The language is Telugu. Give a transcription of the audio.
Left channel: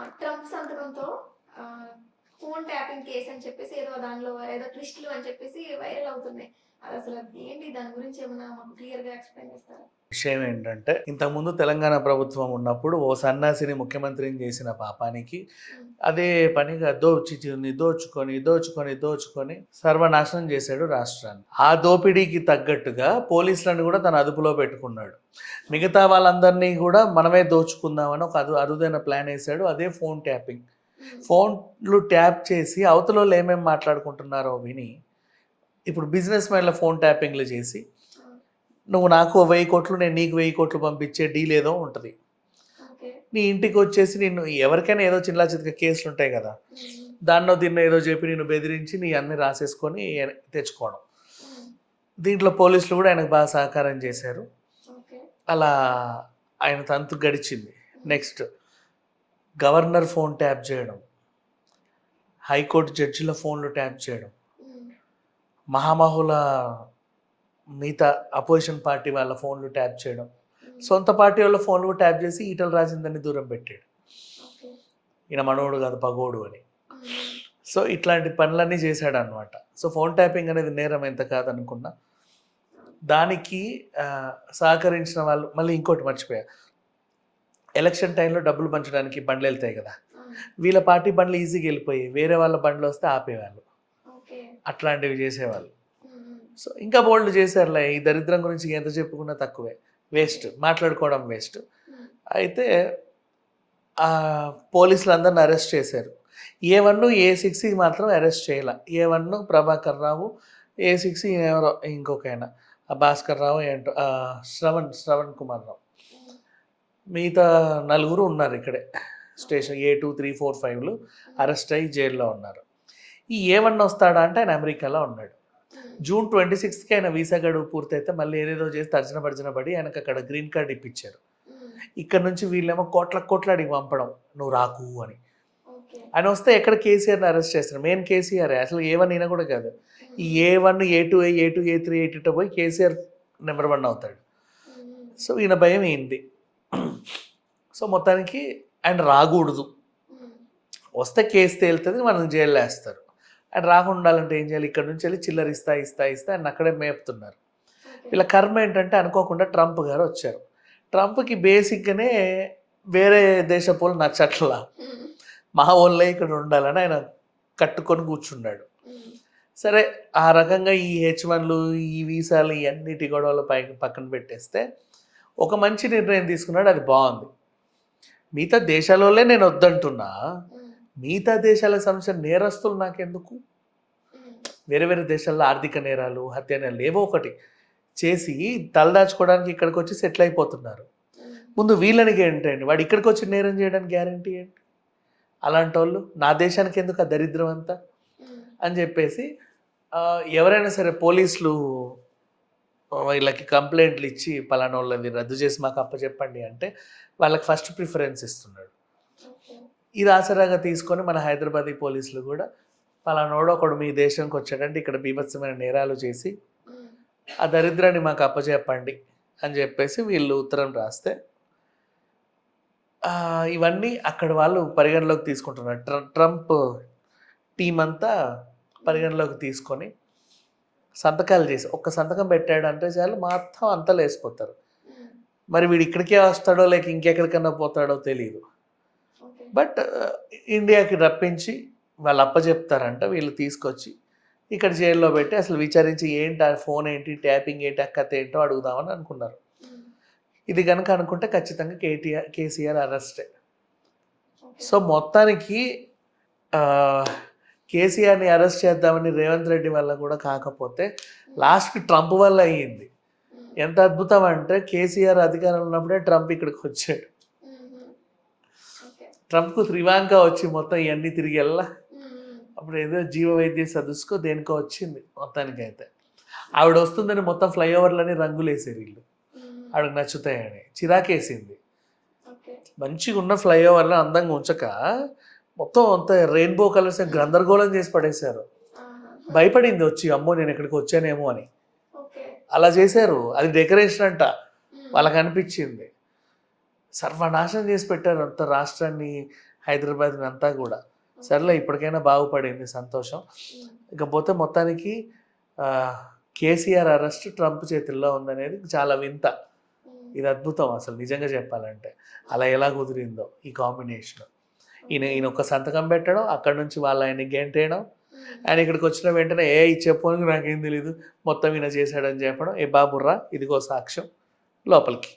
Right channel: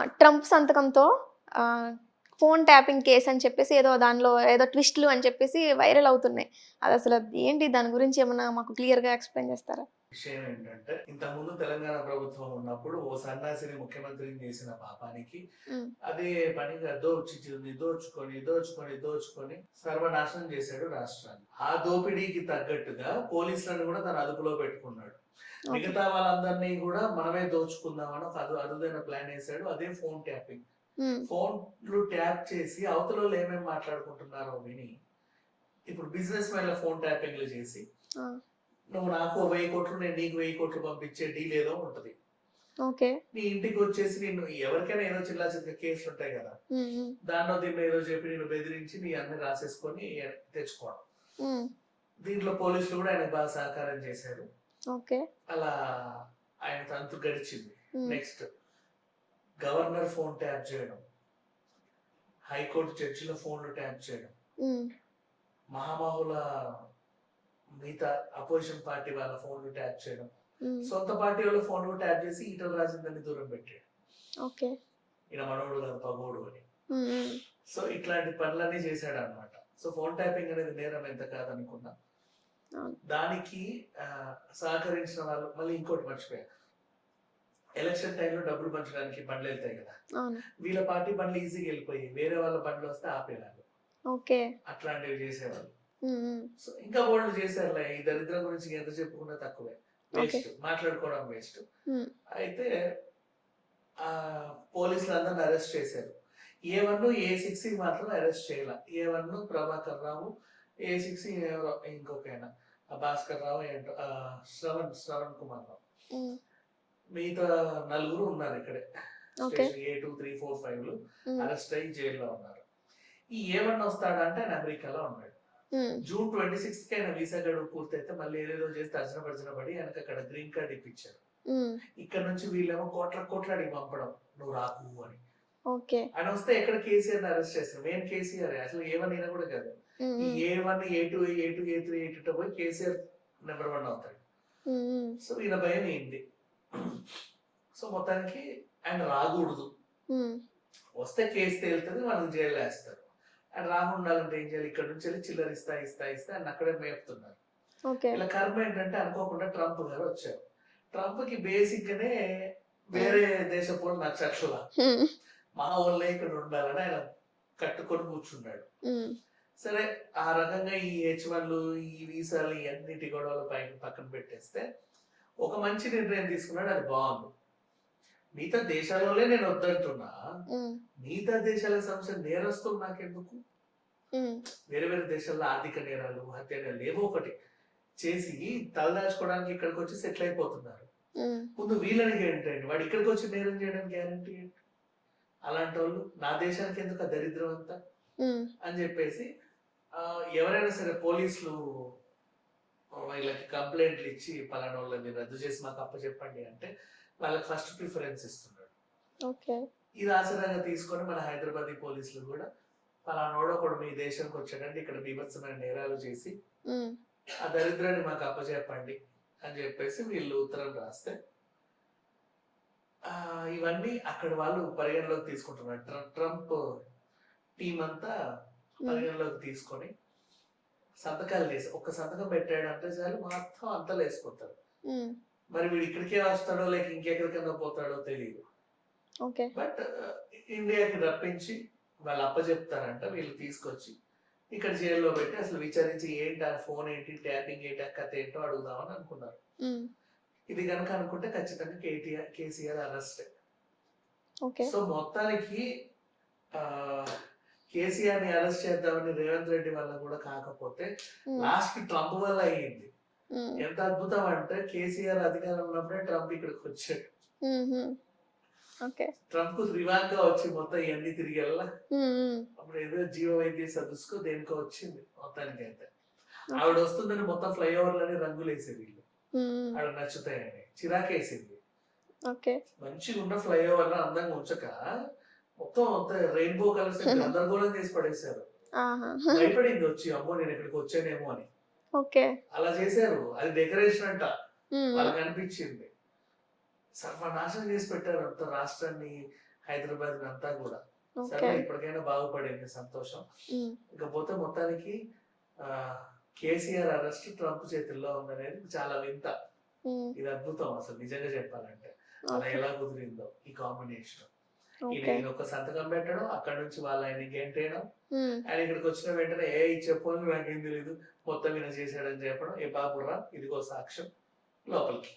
ట్రంప్ సంతకంతో ఫోన్ ట్యాపింగ్ కేసు అని చెప్పేసి ఏదో దానిలో ఏదో ట్విస్ట్లు అని చెప్పేసి వైరల్ అవుతున్నాయి. అది అసలు ఏంటి? దాని గురించి ఏమన్నా మాకు క్లియర్గా ఎక్స్ప్లెయిన్ చేస్తారా? విషయం ఏంటంటే ఇంతకుముందు తెలంగాణ ప్రభుత్వం ఉన్నప్పుడు ఓ సన్యాసిని ముఖ్యమంత్రిని చేసిన పాపానికి అదే పనిగా దోచి దోచుకొని దోచుకొని దోచుకొని సర్వనాశనం చేశాడు రాష్ట్రాన్ని. ఆ దోపిడీకి తగ్గట్టుగా పోలీసులను కూడా తన అదుపులో పెట్టుకున్నాడు. మిగతా వాళ్ళందరినీ కూడా మనమే దోచుకుందామని ఒక అదు అరుదైన ప్లాన్ వేశాడు. అదే ఫోన్ ట్యాపింగ్. ఫోన్లు ట్యాప్ చేసి అవతల వాళ్ళు ఏమేమి మాట్లాడుకుంటున్నారో విని ఇప్పుడు బిజినెస్ మ్యాన్ల ఫోన్ ట్యాపింగ్లు చేసి నువ్వు నాకు వెయ్యి కోట్లు నేను నీకు వెయ్యి కోట్లు పంపించే డీల్ ఏదో ఉంటుంది. ఓకే. నీ ఇంటికి వచ్చేసి నిన్ను ఎవరికైనా ఏదో చిల్లా చితక కేసులు ఉంటాయి కదా. దాన్నో దీన్నో ఏదో చెప్పి నిన్ను బెదిరించి నీ అన్ని రాసేసుకొని తెచ్చుకోవడం. దీంట్లో పోలీసులు కూడా ఆయనకు బాగా సహకారం చేశారు. ఓకే. అలా ఆయన తంతు గడిచింది. నెక్స్ట్ గవర్నర్ ఫోన్ ట్యాప్ చేయడం. హైకోర్టు జడ్జిల ఫోన్లు ట్యాప్ చేయడం. మహామహుల మిగతా అపోజిషన్ పార్టీ వాళ్ళ ఫోన్లు ట్యాప్ చేయడం. సొంత పార్టీ వాళ్ళ ఫోన్లు ట్యాప్ చేసి ఈటల రాజేందర్ని దూరం పెట్టాడు ఓకే. ఈయన మనోడు కాదు పగోడు అని. సో ఇట్లాంటి పనులన్నీ చేశాడు అనమాట సో ఫోన్ ట్యాపింగ్ అనేది నేరం ఎంత కాదనుకున్నా. దానికి సహకరించిన వాళ్ళు మళ్ళీ ఇంకోటి మర్చిపోయా. ఎలక్షన్ టైంలో డబ్బులు పంచడానికి బండ్లు వెళ్తాయి కదా. వీళ్ళ పార్టీ బండ్లు ఈజీగా వెళ్ళిపోయి వేరే వాళ్ళ బండ్లు వస్తే ఆపేవాళ్ళు. అట్లాంటివి చేసేవాళ్ళు. సో ఇంకా బోల్డ్ చేశారులే. ఈ దరిద్రం గురించి ఎంత చెప్పుకున్నా తక్కువే. వేస్ట్. మాట్లాడుకోవడం వేస్ట్. ఉమ్, అయితే పోలీసులు అందరిని అరెస్ట్ చేశారు. ఏ వన్ ఏ సిక్స్ మాత్రం అరెస్ట్ చేయాల. A one Prabhakar Rao A six ఎవరో ఇంకొక ఆయన ఆ భాస్కర్ రావు ఏంటో శ్రవణ్ శ్రవణ్ కుమార్ రావు. ఉమ్, మిగతా నలుగురు ఉన్నారు ఇక్కడే. Station A two three four ఫైవ్లు um, arrest అయ్యి జైల్లో ఉన్నారు. ఈ ఏ వన్ వస్తాడా అంటే ఆయన అమెరికాలో ఉన్నాడు. జూన్ ట్వంటీ సిక్స్త్కి ఆయన వీసా గడువు పూర్తయితే మళ్ళీ ఏదేదో చేసి తర్జన భర్జన పడి ఆయనకు అక్కడ గ్రీన్ కార్డ్ ఇప్పించారు. ఇక్కడ నుంచి వీళ్ళేమో కోట్ల కోట్ల అడిగి పంపడం నువ్వు రాకు అని. ఓకే. ఆయన వస్తే ఎక్కడ కేసీఆర్ని అరెస్ట్ చేస్తారు? Main KCR. అసలు ఏ వన్ ఈయన కూడా కాదు. ఈ A one A two A two A three A two పోయి కేసీఆర్ నెంబర్ వన్ అవుతాడు. సో ఈయన భయం ఏంటి సో మొత్తానికి ఆయన రాకూడదు. వస్తే కేసు తేలుతుంది మనం జైల్లో వేస్తారు. రాకుండా ఉండాలంటే ఏం చేయాలి? ఇక్కడ నుంచి వెళ్ళి చిల్లర ఇస్తా ఇస్తా ఇస్తా ఆయన అక్కడే మేపుతున్నారు. వీళ్ళ కర్మ ఏంటంటే అనుకోకుండా ట్రంప్ గారు వచ్చారు. ట్రంప్కి బేసిక్గానే వేరే దేశపోలు నచ్చట్లా. మా వాళ్ళే ఇక్కడ ఉండాలని ఆయన కట్టుకొని కూర్చున్నాడు. సరే ఆ రకంగా ఈ హెచ్ వన్లు ఈ వీసాలు ఈ అన్నిటి గొడవలు పై పక్కన పెట్టేస్తే ఒక మంచి నిర్ణయం తీసుకున్నాడు అది బాగుంది. మిగతా దేశాలలోనే నేను వద్దంటున్నా. మిగతా దేశాల సమస్య నేరస్తులు నాకెందుకు? వేరే వేరే దేశాల్లో ఆర్థిక నేరాలు హత్య నేరాలు ఏవో ఒకటి చేసి తలదాచుకోవడానికి ఇక్కడికి వచ్చి సెటిల్ అయిపోతున్నారు. ముందు వీళ్ళని ఏంటండి వాడు ఇక్కడికి వచ్చి నేరం చేయడానికి గ్యారంటీ ఏంటి? అలాంటి వాళ్ళు నా దేశానికి ఎందుకు ఆ దరిద్రం అంతా? అని చెప్పేసి ఎవరైనా సరే పోలీసులు వీళ్ళకి కంప్లైంట్లు ఇచ్చి పలానా వాళ్ళది రద్దు చేసి మాకు అప్పచెప్పండి అంటే వాళ్ళకి ఫస్ట్ ప్రిఫరెన్స్ ఇస్తున్నాడు. ఓకే. ఇది ఆసరాగా తీసుకొని మన హైదరాబాదీ పోలీసులు కూడా పలానోడు ఒకడు మీ దేశానికి వచ్చాడంటే ఇక్కడ బీభత్సమైన నేరాలు చేసి ఆ దరిద్రాన్ని మాకు అప్పచెప్పండి అని చెప్పేసి వీళ్ళు ఉత్తరం రాస్తే ఇవన్నీ అక్కడ వాళ్ళు పరిగణలోకి తీసుకుంటున్నారు. ట్ర- ట్రంప్ టీం అంతా పరిగణలోకి తీసుకొని సంతకాలు చేసి ఒక్క సంతకం పెట్టాడు అంటే చాలు మొత్తం అంతా లేసిపోతారు ఉమ్, మరి వీడు ఇక్కడికే వస్తాడో లేక ఇంకెక్కడికన్నా పోతాడో తెలియదు బట్ ఇండియాకి రప్పించి వాళ్ళు అప్పచెప్తారంట వీళ్ళు తీసుకొచ్చి ఇక్కడ జైల్లో పెట్టి అసలు విచారించి ఏంటి ఆ ఫోన్ ఏంటి ట్యాపింగ్ ఏంటి కథ ఏంటో అడుగుదామని అనుకున్నారు. ఇది కనుక అనుకుంటే ఖచ్చితంగా కేటీఆర్ కేసీఆర్ అరెస్టే. సో మొత్తానికి కేసీఆర్ని అరెస్ట్ చేద్దామని రేవంత్ రెడ్డి వల్ల కూడా కాకపోతే ఉమ్, లాస్ట్కి ట్రంప్ వల్ల అయ్యింది. ఎంత అద్భుతం అంటే కేసీఆర్ అధికారంలో ఉన్నప్పుడే ట్రంప్ ఇక్కడికి వచ్చాడు. ఓకే. ట్రంప్కు త్రివాంక వచ్చి మొత్తం ఇవన్నీ తిరిగి వెళ్ళా అప్పుడు ఏదో జీవ వైద్య సదస్సుకో దేనికో వచ్చింది మొత్తానికైతే. ఆవిడ వస్తుందని మొత్తం ఫ్లైఓవర్లని రంగులేసారు వీళ్ళు. ఆవిడకి నచ్చుతాయని. చిరాకేసింది. మంచిగా ఉన్న ఫ్లైఓవర్లో అందంగా ఉంచక మొత్తం అంత రెయిన్బో కలర్స్ గందరగోళం చేసి పడేశారు. భయపడింది వచ్చి అమ్మో నేను ఇక్కడికి వచ్చానేమో అని. ఓకే. అలా చేశారు. అది డెకరేషన్ అంట. వాళ్ళకి అనిపించింది సర్వనాశనం చేసి పెట్టారు అంత రాష్ట్రాన్ని హైదరాబాద్ అంతా కూడా. సర్లే ఇప్పటికైనా బాగుపడింది సంతోషం. ఇకపోతే మొత్తానికి కేసీఆర్ అరెస్ట్ ట్రంప్ చేతుల్లో ఉందనేది చాలా వింత. ఇది అద్భుతం అసలు నిజంగా చెప్పాలంటే. అలా ఎలా కుదిరిందో ఈ కాంబినేషన్. ఈయన. ఈయన ఒక సంతకం పెట్టడం అక్కడ నుంచి వాళ్ళు ఆయన గెంటేయడం. ఆయన ఇక్కడికి వచ్చిన వెంటనే ఏ ఇది చెప్పు నాకేం తెలియదు మొత్తం ఈయన చేశాడని చెప్పడం. ఏ బాబుర్రా ఇదిగో సాక్ష్యం. లోపలికి.